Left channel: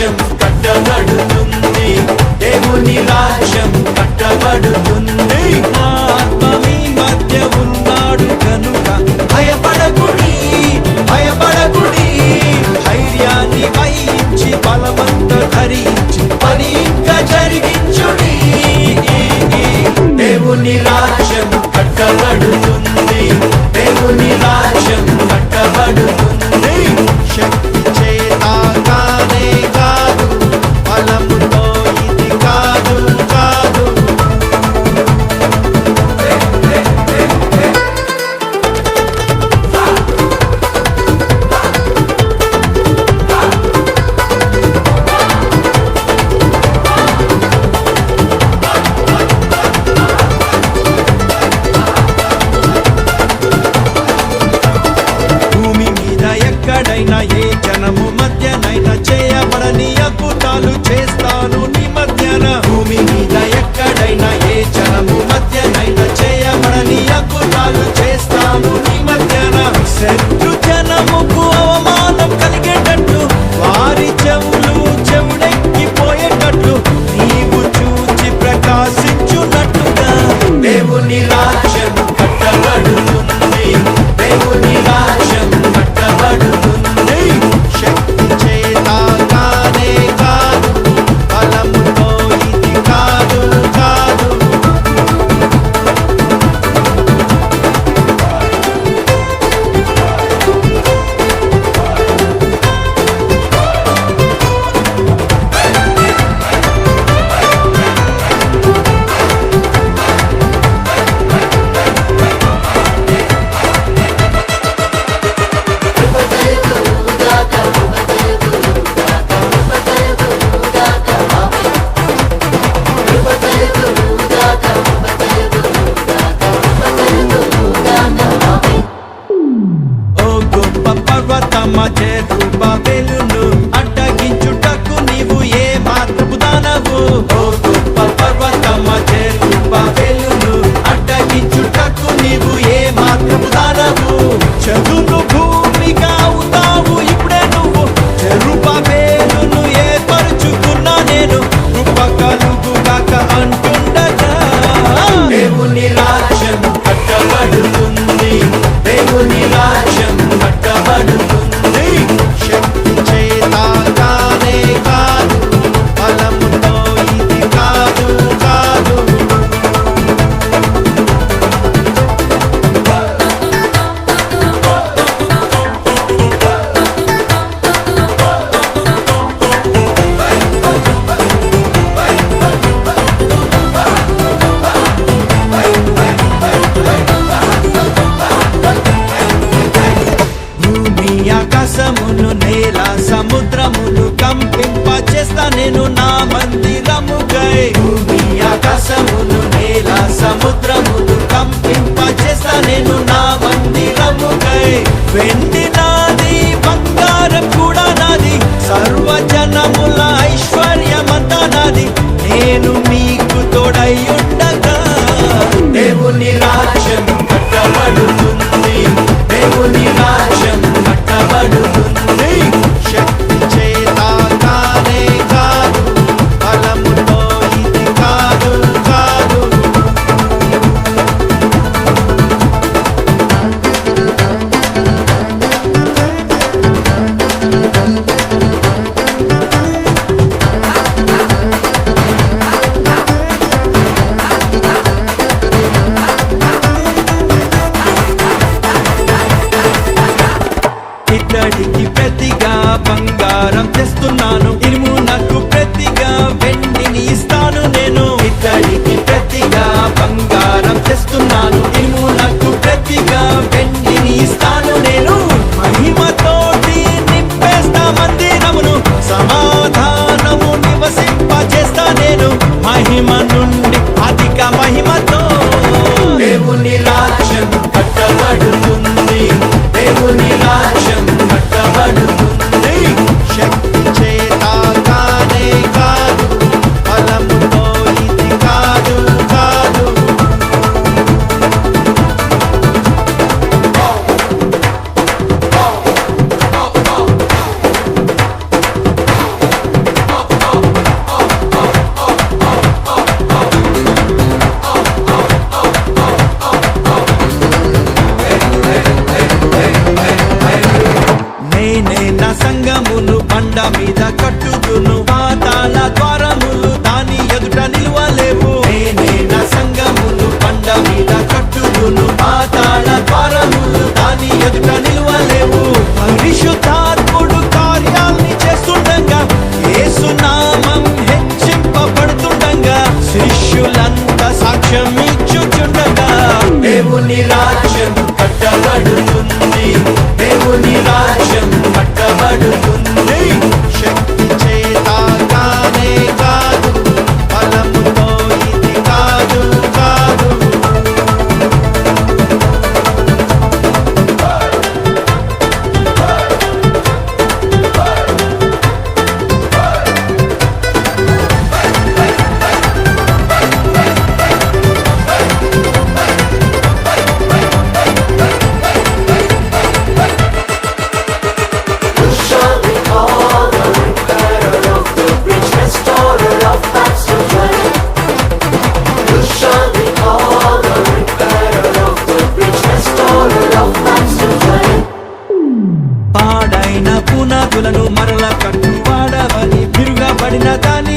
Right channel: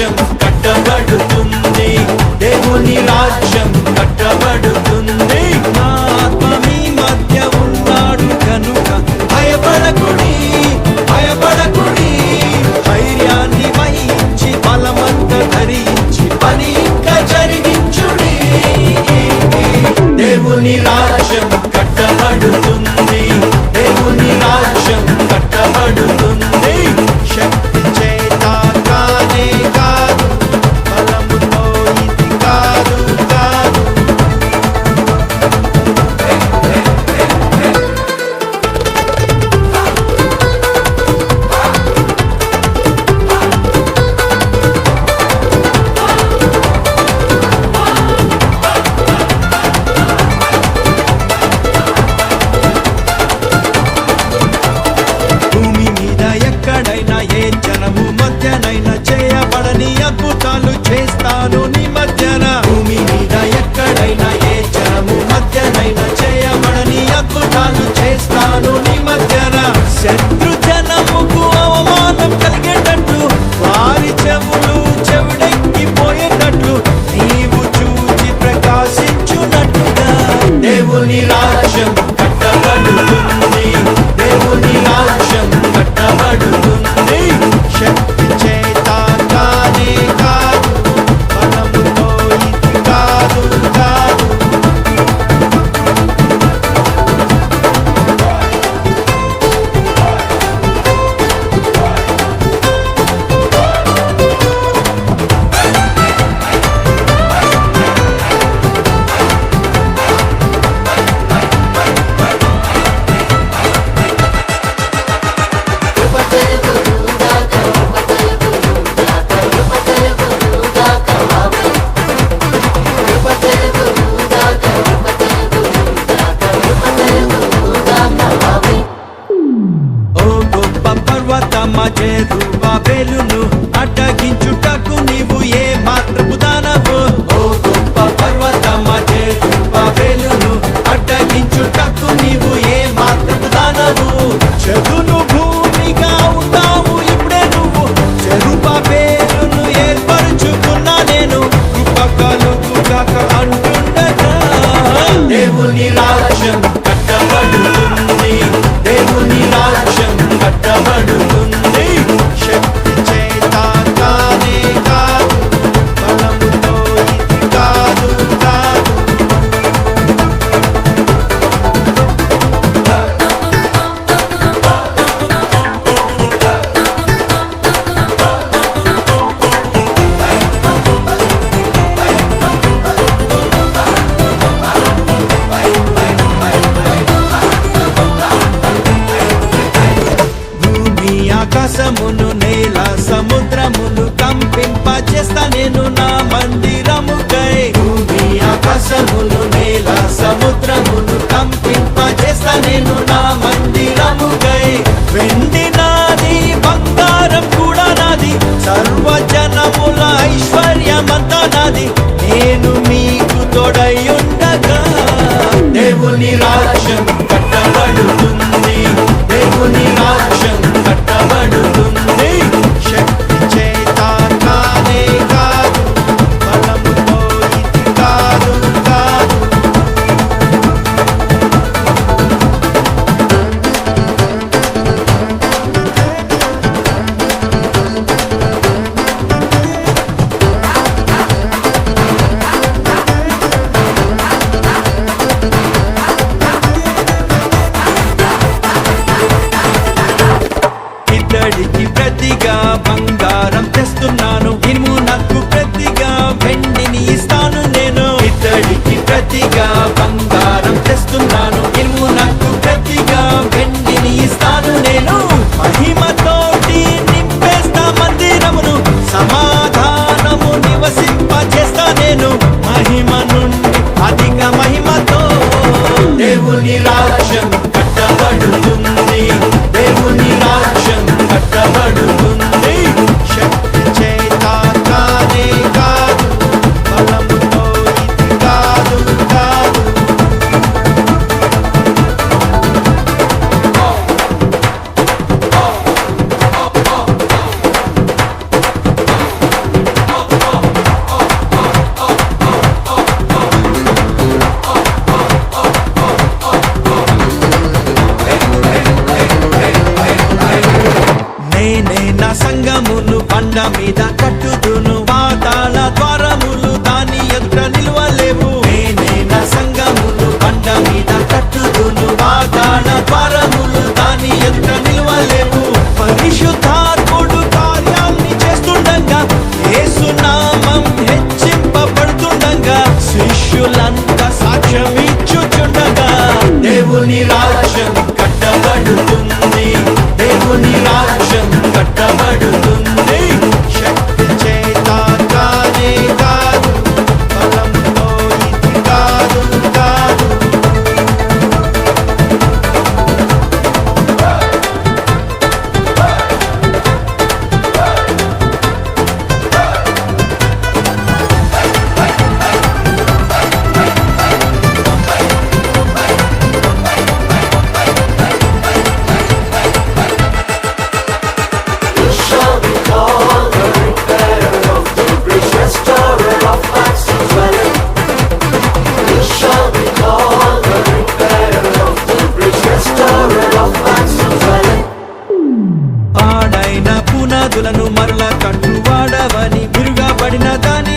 రాజ్యం కట్టబడుతుంది, దేవుని రాజ్యం కట్టబడుతుంది. ఆత్మ మీ మధ్య ఉన్నాడు కనుక భయపడకుడి, భయపడకుడి. ధైర్యాన్ని వహించి బలమంత ధరించి పని ఇంకా జరిగించుడి. దేవుని రాజ్యం కట్టబడుతుంది, దేవుని రాజ్యం కట్టబడుతుంది. శక్తి చేత కానే కాదు, బలముతో ఇది కాదు కాదు. భూమి మీద ఎక్కడైనా ఏ జనము మధ్యనైనా చేయబడని అద్భుతాలు చేస్తాను నీ మధ్యన. భూమి మీద ఎక్కడైనా ఏ జనము మధ్యనైనా చేయబడని అద్భుతాలు చేస్తాను నీ మధ్యన. శత్రు జనముకు అవమానం కలిగేటట్లు వారి చెవులు చెవుడెక్కిపోయేటట్లు నీవు చూచి ప్రకాశించున్నట్టుగా దేవుని రాజ్యం కట్టబడుతుంది, దేవుని రాజ్యం కట్టబడుతుంది. శక్తి చేత కానే కాదు, బలముతో ఇది కాదు కాదు. ఓ గొప్ప పర్వతమా జెరుబ్బాబెలును అడ్డగించుటకు నీవు ఏ మాత్రపు దానవు. ఓ గొప్ప పర్వతమా జెరుబ్బాబెలును అడ్డగించుటకు నీవు ఏ మాత్రపు దానవు. చదును భూమిగా అవుతావు ఇప్పుడే నువ్వు, జెరుబ్బాబెలును ఏర్పరచుకున్నా నేను. కృప కలుగుగాక అంటుండగా దేవుని రాజ్యం కట్టబడుతుంది, దేవుని రాజ్యం కట్టబడుతుంది. శక్తి చేత కానే కాదు, బలముతో ఇది కాదు కాదు. భూమి ఆకాశమును నేల సముద్రమును కంపింపచేస్తా నేను నా మందిరముకై. భూమి ఆకాశమును నేల సముద్రమును కంపింపచేస్తా నేను నా మందిరముకై. వెండి నాది, బంగారం కూడా నాది, సర్వజనముల ఐశ్వర్యమంతా నాది. నేను మీకు తోడయుండగా దేవుని రాజ్యం కట్టబడుతుంది, దేవుని రాజ్యం కట్టబడుతుంది. శక్తి చేత కానే కాదు, బలముతో ఇది కాదు కాదు. ఇతడికి ప్రతిగా బంగారం తెస్తున్నాను, ఇమునకు ప్రతిగా వెండిని ఇస్తాను నేను. ఇతడికి ప్రతిగా బంగారం తెస్తున్నాను, ఇమునకు ప్రతిగా వెండిని ఇస్తాను నేను. మహిమతోటి నింపేస్తా మందిరమును, సమాధానము నివసింపచేస్తా నేను. మహిమ నుండి అధిక మహిమతో దేవుని రాజ్యం కట్టబడుతుంది, దేవుని రాజ్యం కట్టబడుతుంది. శక్తి చేత కానే కాదు, బలముతో ఇది కాదు కాదు. నా సంఘమును బండ మీద కట్టుదును పాతాళ ద్వారములు దాని ఎదుట నిలువలేవు నేనే నా సంఘమును బండ మీద కట్టుదును పాతాళ ద్వారములు దాని ఎదుట నిలువలేవు పరిశుద్ధాత్ముడు కార్యాల్ని చేస్తుండగా యేసు నామం హెచ్చింపబడుతుండగా శిష్యులంతా సాక్ష్యమిచ్చుచుండగా దేవుని రాజ్యం కట్టబడుతుంది దేవుని రాజ్యం కట్టబడుతుంది శక్తి చేత కానే కాదు బలముతో ఇది కాదు కాదు పాడైన పునాదులను మరల కట్టువాడవని విరుగబడిన దాని